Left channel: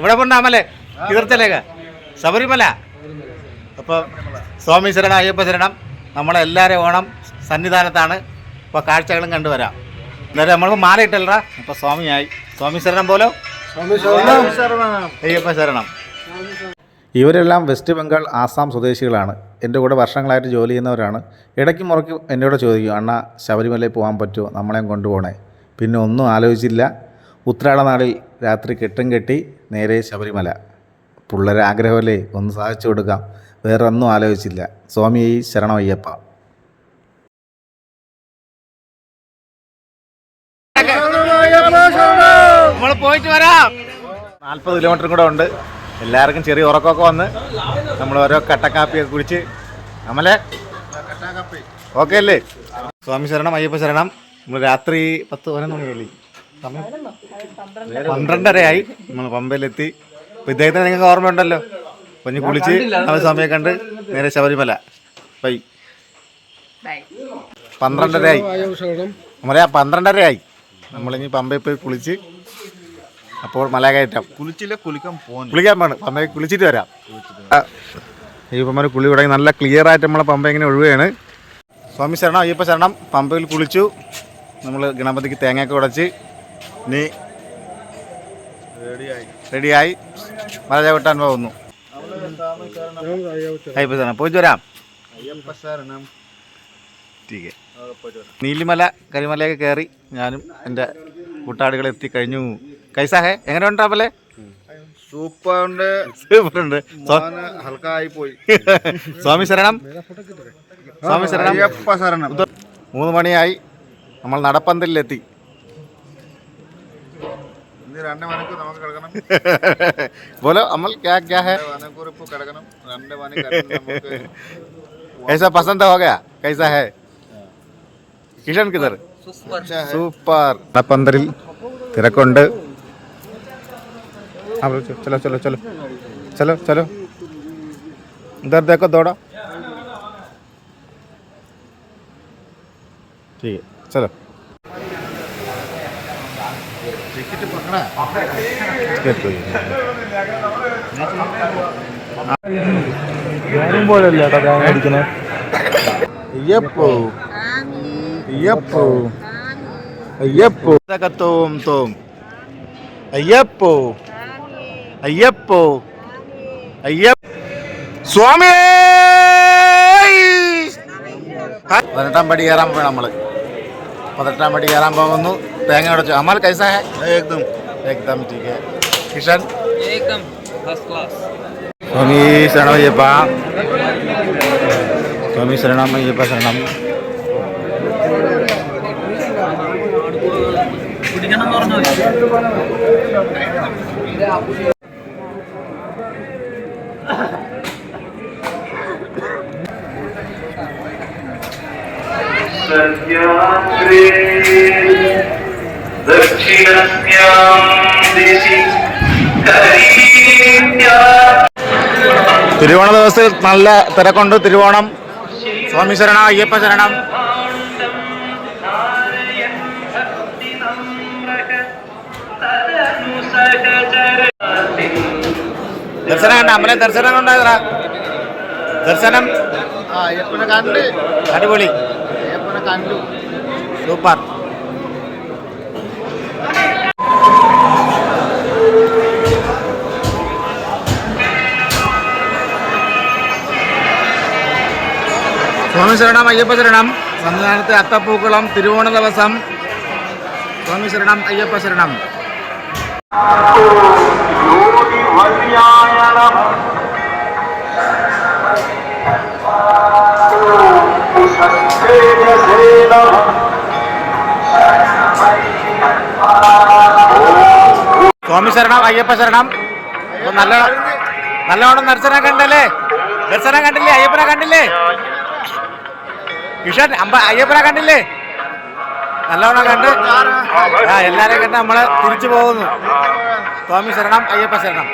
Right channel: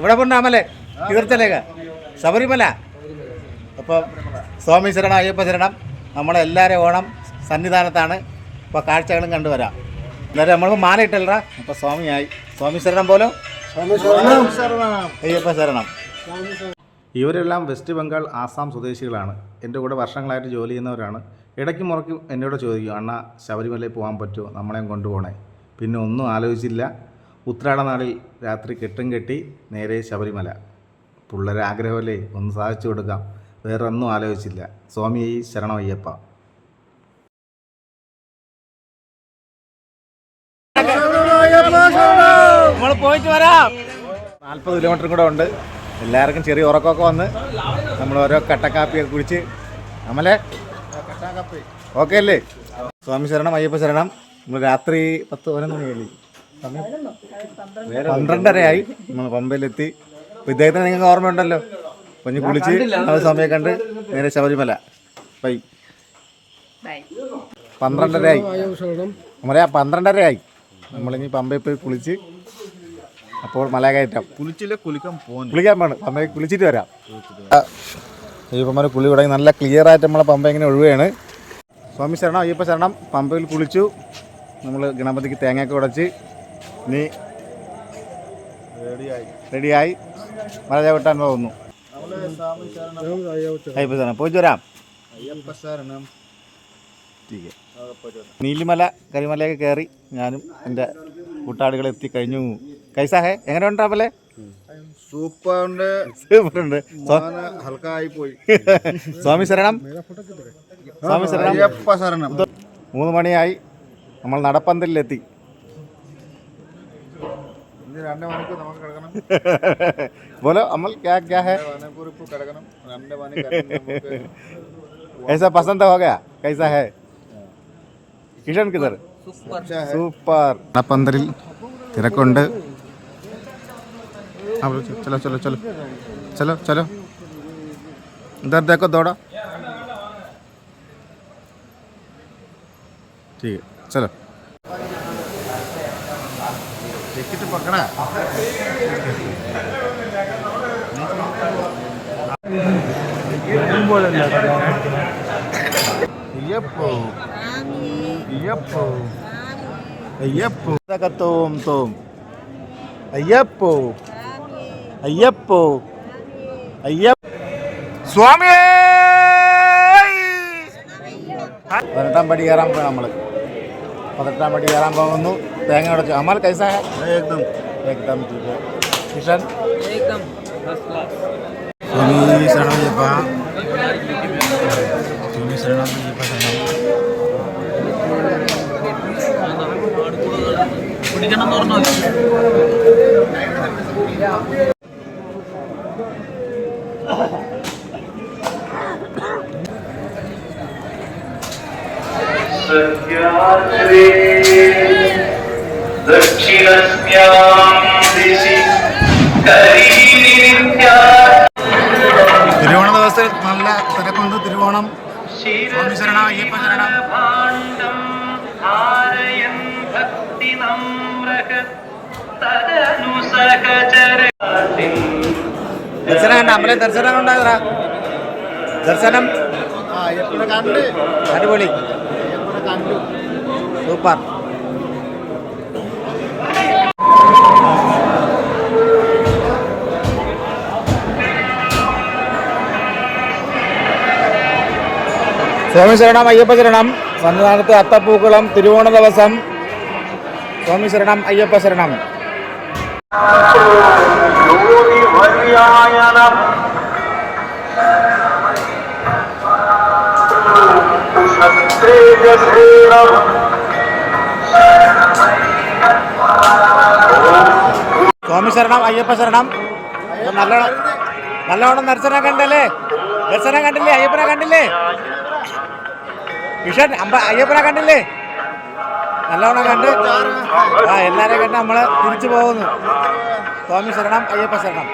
എവിടെ പോണ്ടാമല്ലേ തീർത്ഥത്തിലേക്ക് ശബരിമല. അപ്പോൾ സ്വാമി ശരണം അയ്യപ്പ ശരണം. നമ്മളെല്ലാവരും ഓണം സന്നിധാനത്താണ്. അപ്പോൾ കാഴ്ചകളും കണ്ടുവരാം. എല്ലാവരും നമ്മൾക്ക് മാല ഇട്ടല്ലടാ. അപ്പോൾ സ്വാമിയായി. സ്വാമി ശരണം പോലോ, അയ്യപ്പ ശരണം. ഇവരെല്ലാം വെസ്റ്റ് ബംഗാൾ ആസാം സ്വദേശികളാണ്. എൻ്റെ കൂടെ വർഷങ്ങളായിട്ട് ജോലി ചെയ്യുന്നവരാണ്. ഇടയ്ക്ക് മുറയ്ക്ക് എന്നോട് ചോദിക്കും, അണ്ണാ ശബരിമലയിൽ പോകാൻ പറ്റുമോ, നമ്മളെയും കൊണ്ടുപോകണേ. പിന്നെ ഒന്നും ആലോചിച്ചില്ല. ഉത്രാട നാളിൽ രാത്രി കെട്ടും കെട്ടി നേരെ ശബരിമല. പിള്ളേരെ ആഗ്രഹമല്ലേ, ഒന്ന് സാധിച്ചു കൊടുക്കാം. വേറെ ഒന്നും ആലോചിച്ചില്ല. സ്വാമി ശരണം അയ്യപ്പ. നമ്മൾ പോയിട്ട് വരാം. 40 കിലോമീറ്റർ കൂടെ ഉണ്ട്. എല്ലാവർക്കും ചെറിയ ഉറക്കമൊക്കെ വന്ന് നമ്മൾ ഓരോ കട്ടക്കാപ്പിയൊക്കെ കുടിച്ച് നമ്മളെ ഓക്കെ അല്ലേ. സ്വാമി ശരണം അയ്യപ്പ ശരണം. നമ്മൾ രാത്രി 10-11 മണിയല്ലേ, സമയം 12:30 നമ്മൾ പമ്പയിലെത്തി. അപ്പോൾ ഇദ്ദേഹത്തിന് നിങ്ങൾക്ക് ഓർമ്മയുണ്ടല്ലോ. കുഞ്ഞ് കുളിച്ച് നമ്മൾ സമയം കണ്ട് നേരെ ശബരിമല. ബൈ. 12:30 നമ്മളെ 12:30 നമ്മളിനി പമ്പയിൽ പോയി കുളിച്ച് അപ്പോൾ മല കയറ്റാം. കുളിക്കാൻ പോകണം. പമ്പയിൽ കുളിച്ചിട്ട് വരാം. അയ്യപ്പന്മാർ കുളി തുടങ്ങി. നല്ല ക്ലിയർ ആയിട്ട് നമ്മളെ പമ്പ ഇങ്ങനെ ഒഴുകുകയാണ്. സ്വാമി ശരണം അയ്യപ്പ ശരണം. പമ്പയിൽ കുളിച്ചു. നമ്മൾ ഗണപതിക്ക് തേങ്ങയൊക്കെ ഉടച്ച് ഇനി റെഡിയായി മല ചവിട്ടാൻ പോകുന്നു. അയ്യപ്പ ശരണം പോയിട്ട് വരാം. നീലിമല കരിമലയൊക്കെ കയറി ഞാനും എൻ്റെ കൂട്ടാളികളെ എത്തിക്കഴിഞ്ഞു. കൈസാ ഹേ, എങ്ങനെ ഉണ്ടാവല്ലേ? സൂപ്പറുണ്ട്. സ്വാമി ശരണം സ്വാമി ശരണം അയ്യപ്പ ശരണം. 3 മണിയായി. നമ്മൾ നടപ്പന്തലിലെത്തി. 2 മണിക്കൂർ നമുക്ക് കിടക്കണം. ബോലോ അമൽ ക്യാ ഹേ? 2 മണിക്കൂർ ഇപ്പോൾ കിടക്കണം. 2 മണി നമുക്ക് ऐसा पसंद हो गया? कैसा है? കിഷൻ കിതർ സൂപ്പർ. നടപ്പന്തലിൽ തിരക്കുണ്ട്. चलो चलो चलो चलो चलो इधर देखो दौड़ा. ठीक है चलो. ടിക്കറ്റ് പക്കണ. അയ്യപ്പോ അയ്യപ്പോ അയ്യപ്പോ തോം തോം അയ്യപ്പോ അയ്യപ്പോ അയ്യപ്പ സ്വാമി. 18-ാം പടി കയറാൻ പോയി. നമ്മൾ 18-ാം പടി കയറാൻ പോകുന്നു. തേങ്ങ ഉടച്ചു. അമൽ കൈസാ ഹേ? एकदम एकदम ठीक है. കിഷൻ एकदम फर्स्ट क्लास. സ്വാമി ശരണം അയ്യപ്പ. സ്വാമി ശരണം അയ്യപ്പ ശരണം. പിടിക്കണം എന്ന് പറഞ്ഞാൽ തിരുവോണ ദിവസത്തിൽ നല്ല തിരക്കുണ്ട്. തിരുവോണം. സ്വാമി ശരണം അയ്യപ്പ ശരണം. ദർശനം കണ്ട അമ്മലെ ദർശനം കൊണ്ടായതാ. ദർശനം അയ്യപ്പനെ കണ്ട്. അടിപൊളി. അയ്യപ്പനെ കണ്ടു. സൂപ്പർ. സ്വാമി ശരണം അയ്യപ്പ ശരണം. സന്നിധാനത്തെ അത്തപ്പൂക്കളം തിരുവോണ ദിവസം. സ്വാമി ശരണം അയ്യപ്പ ശരണം. സ്വാമി ശരണം അയ്യപ്പ ശരണം. നല്ലോണം ദർശനം കണ്ടല്ലേ? ദർശനം കണ്ടില്ലേ? അയ്യപ്പനെ കണ്ടില്ലേ? കിഷൻ അയ്യപ്പനെ കണ്ടില്ലേ? നല്ലോണം കണ്ട് എല്ലാരെയും കണ്ട് നമ്മള് തിരിച്ചു പോകുന്നു. സ്വാമി ശരണം അയ്യപ്പ ശരണം.